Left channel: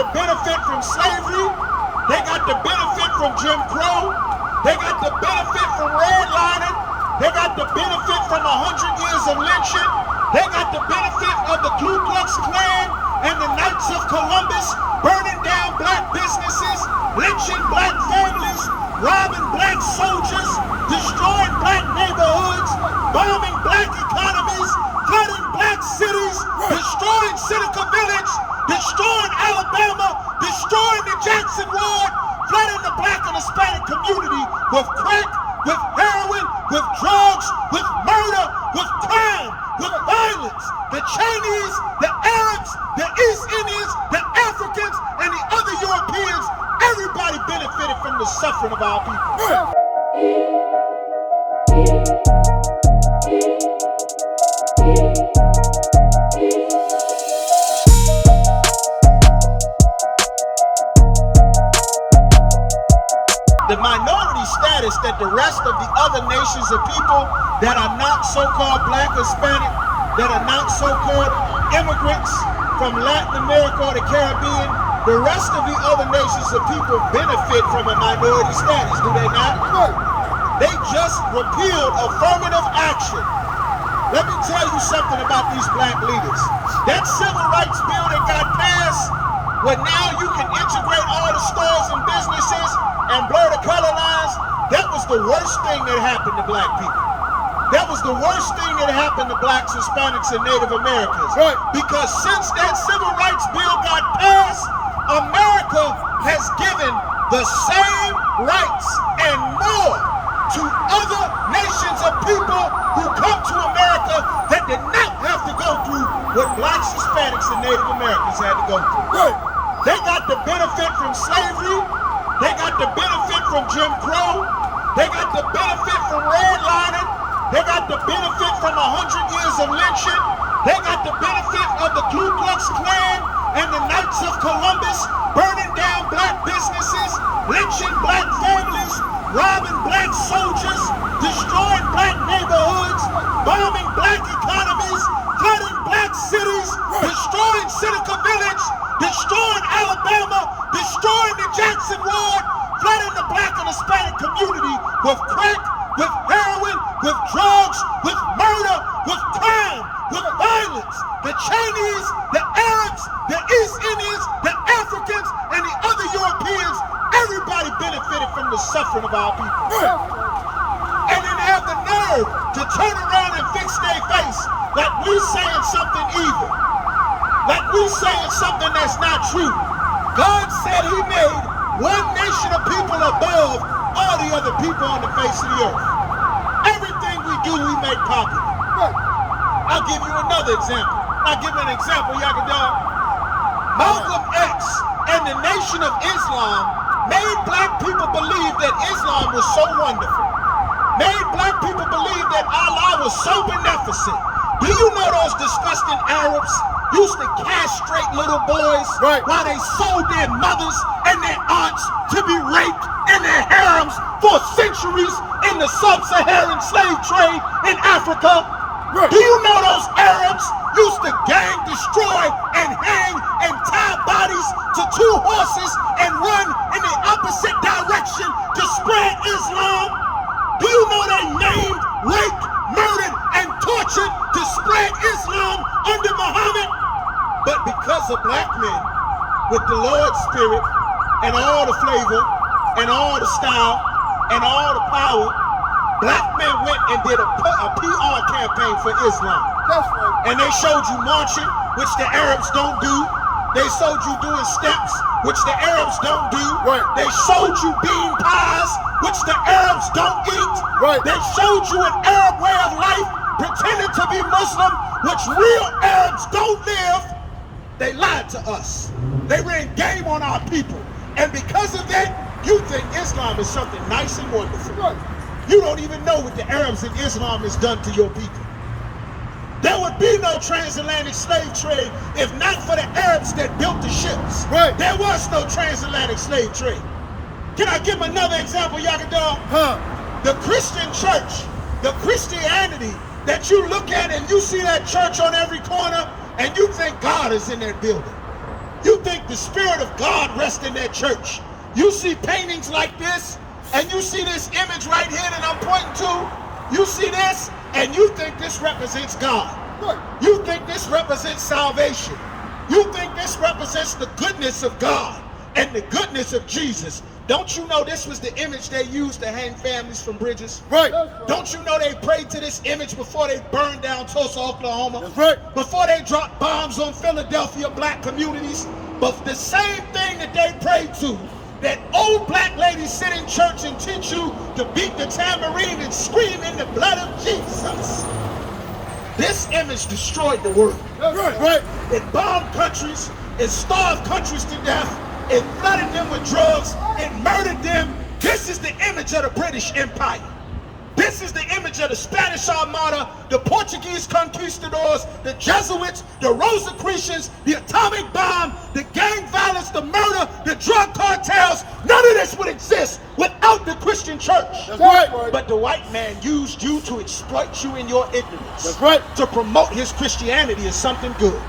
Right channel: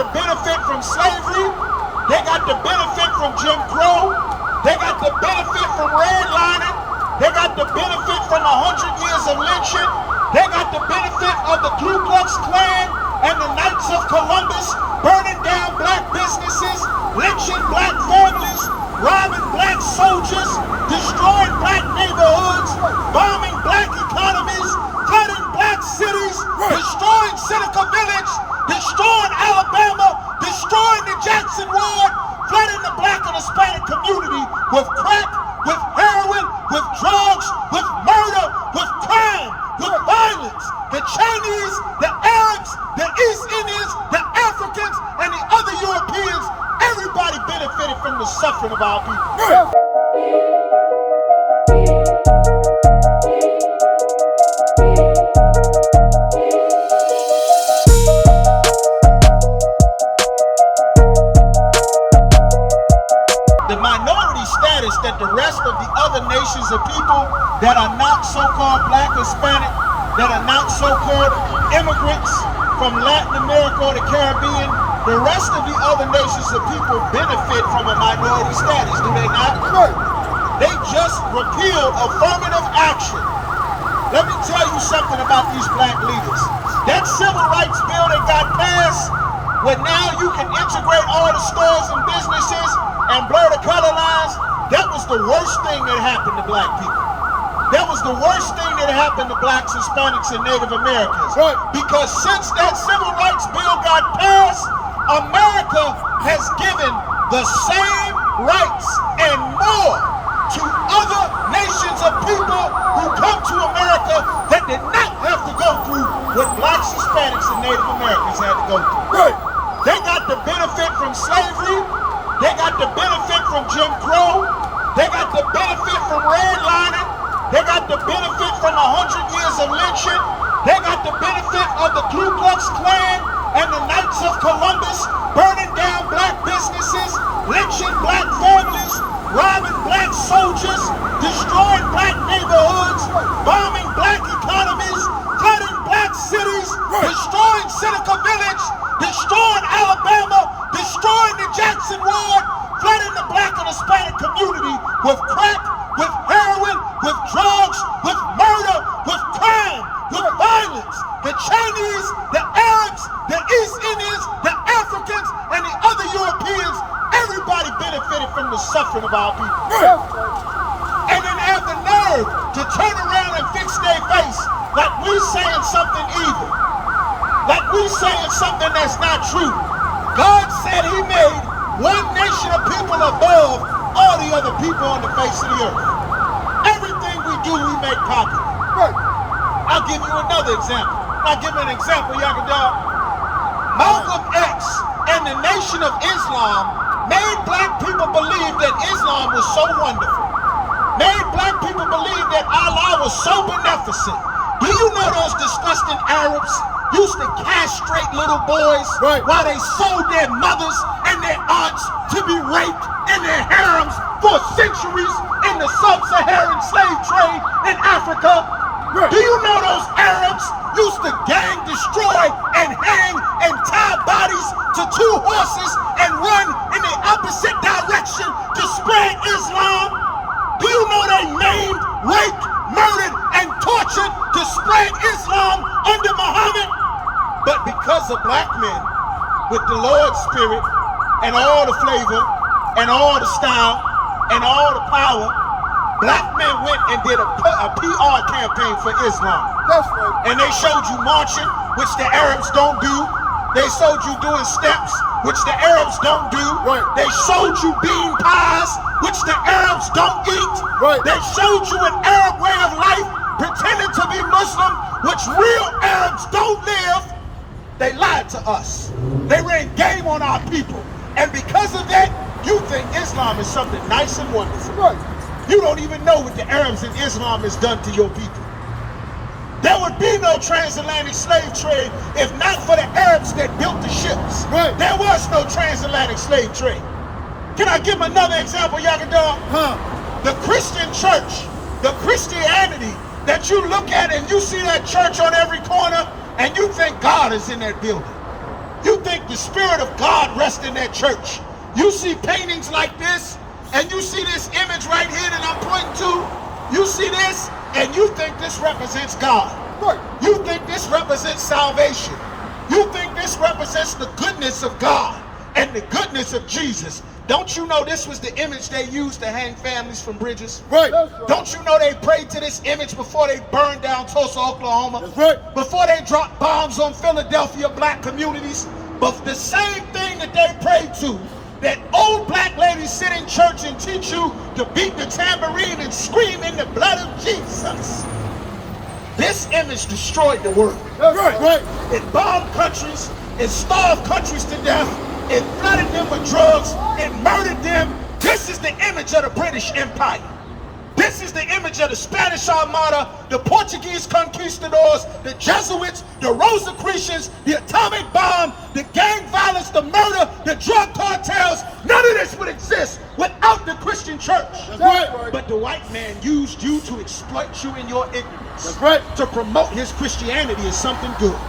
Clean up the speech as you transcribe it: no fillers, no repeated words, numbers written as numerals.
the benefit from slavery. They got the benefit from Jim Crow. They got the benefit from redlining. They got the benefit from 100 years of lynching. They got the benefit of the Ku Klux Klan and the Knights of Columbus burning down black businesses, lynching black families, robbing black soldiers, destroying black neighborhoods, bombing black economies, flooding black cities, destroying Seneca Village, destroying Alabama, destroying the Jackson Ward, flooding the black and Hispanic community with crack, with heroin, with drugs, with murder, with crime, with violence. The Chinese, the Arabs, the East Indians, the Africans, and the other Europeans, everybody benefited from the suffering of our people. The minority status that the rest of the other nations of people that are not so-called black, Hispanic, that are not so-called immigrants from Latin America or the Caribbean, the rest of the other nations of people benefit from a minority status, do they not? They just repealed affirmative action. Let me tell you something about these black leaders. That civil rights bill that got passed, where now you can integrate all the stores and businesses and blur the color lines, that was the worst thing that happened to black people. That was the worst thing that happened to blacks, Hispanics, and Native Americans. Because since that civil rights bill got passed, America has given the same rights and more to other nations of people who come to America that did not have to go through what blacks, Hispanics, and Native Americans had to go through. They got the benefit from slavery. They got the benefit from Jim Crow. They got the benefit from redlining. They got the benefit from 100 years of lynching. They got the benefit of the Ku Klux Klan and the Knights of Columbus burning down black businesses, lynching black families, robbing black soldiers, destroying black neighborhoods, bombing black economies, flooding black cities, destroying Seneca Village, destroying Alabama, destroying the Jackson Ward, flooding the black and Hispanic community with crack, with heroin, with drugs, with murder, with crime, with violence. The Chinese, the Arabs, the East Indians, the Africans, and the other Europeans, everybody benefited from the suffering of our people. And then have the nerve to turn around and fix their face like we saying something evil, like we saying something that's not true. God said he made one nation of people above all the other people on the face of the earth. Everything we do, we make popular. I'll give you another example. I'll give you an example, Yakadar. Malcolm X and the Nation of Islam made black people believe that Islam was so wonderful. Made black people believe that Allah was so beneficent. Do you know those disgusting Arabs used to castrate little boys while they sold their mothers and their aunts to be raped in their harems for centuries in the sub-Saharan slave trade in Africa? Do you know those Arabs used to gang, destroy, and hang and tie bodies to two horses and run in the opposite direction to spread Islam? Do you know they maimed, raped, murdered, and tortured to spread Islam under Muhammad? But because of black men with the Lord's spirit and all the flavor and all the style and all the power, black men went and did a PR campaign for Islam. That's right. And they showed you marching, which the Arabs don't do. They showed you doing steps, which the Arabs don't do. They showed you bean pies, which the Arabs don't eat. They showed you an Arab way of life, pretending to be Muslim, which real Arabs don't live. They lied to us. They ran game on our people. And because of that, you think Islam is something nice and wonderful. You don't even know what the Arabs and Islam has done to your people. There would be no transatlantic slave trade if not for the Arabs that built the ships. There was no transatlantic slave trade. Can I give another example, Yakadar? The Christian church, the Christianity that you look at and you see that church on every corner and you think God is in that building. You think the Spirit of God rests in that church. You see paintings like this, and you see this image right here that I'm pointing to. You see this, and you think this represents God. You think this represents salvation. You think this represents the goodness of God and the goodness of Jesus. Don't you know this was the image they used to hang families from bridges? Right. Don't you know they prayed to this image before they burned down Tulsa, Oklahoma? That's right. Before they dropped bombs on Philadelphia black communities? But the same thing that they prayed to, that old black ladies sit in church and teach you to beat the tambourine and scream in the blood of Jesus. This image destroyed the world. That's right. It bombed countries, it starved countries to death, it flooded them with drugs, it murdered them. This is the image of the British Empire. This is the image of the Spanish Armada, the Portuguese conquistadors, the Jesuits, the Rosicrucians, the atomic bomb, the gang violence, the murder, the drug cartels. None of this would exist without the Christian church. That's right. But the white man used you to exploit you in your ignorance. That's right. To promote his Christianity as something good.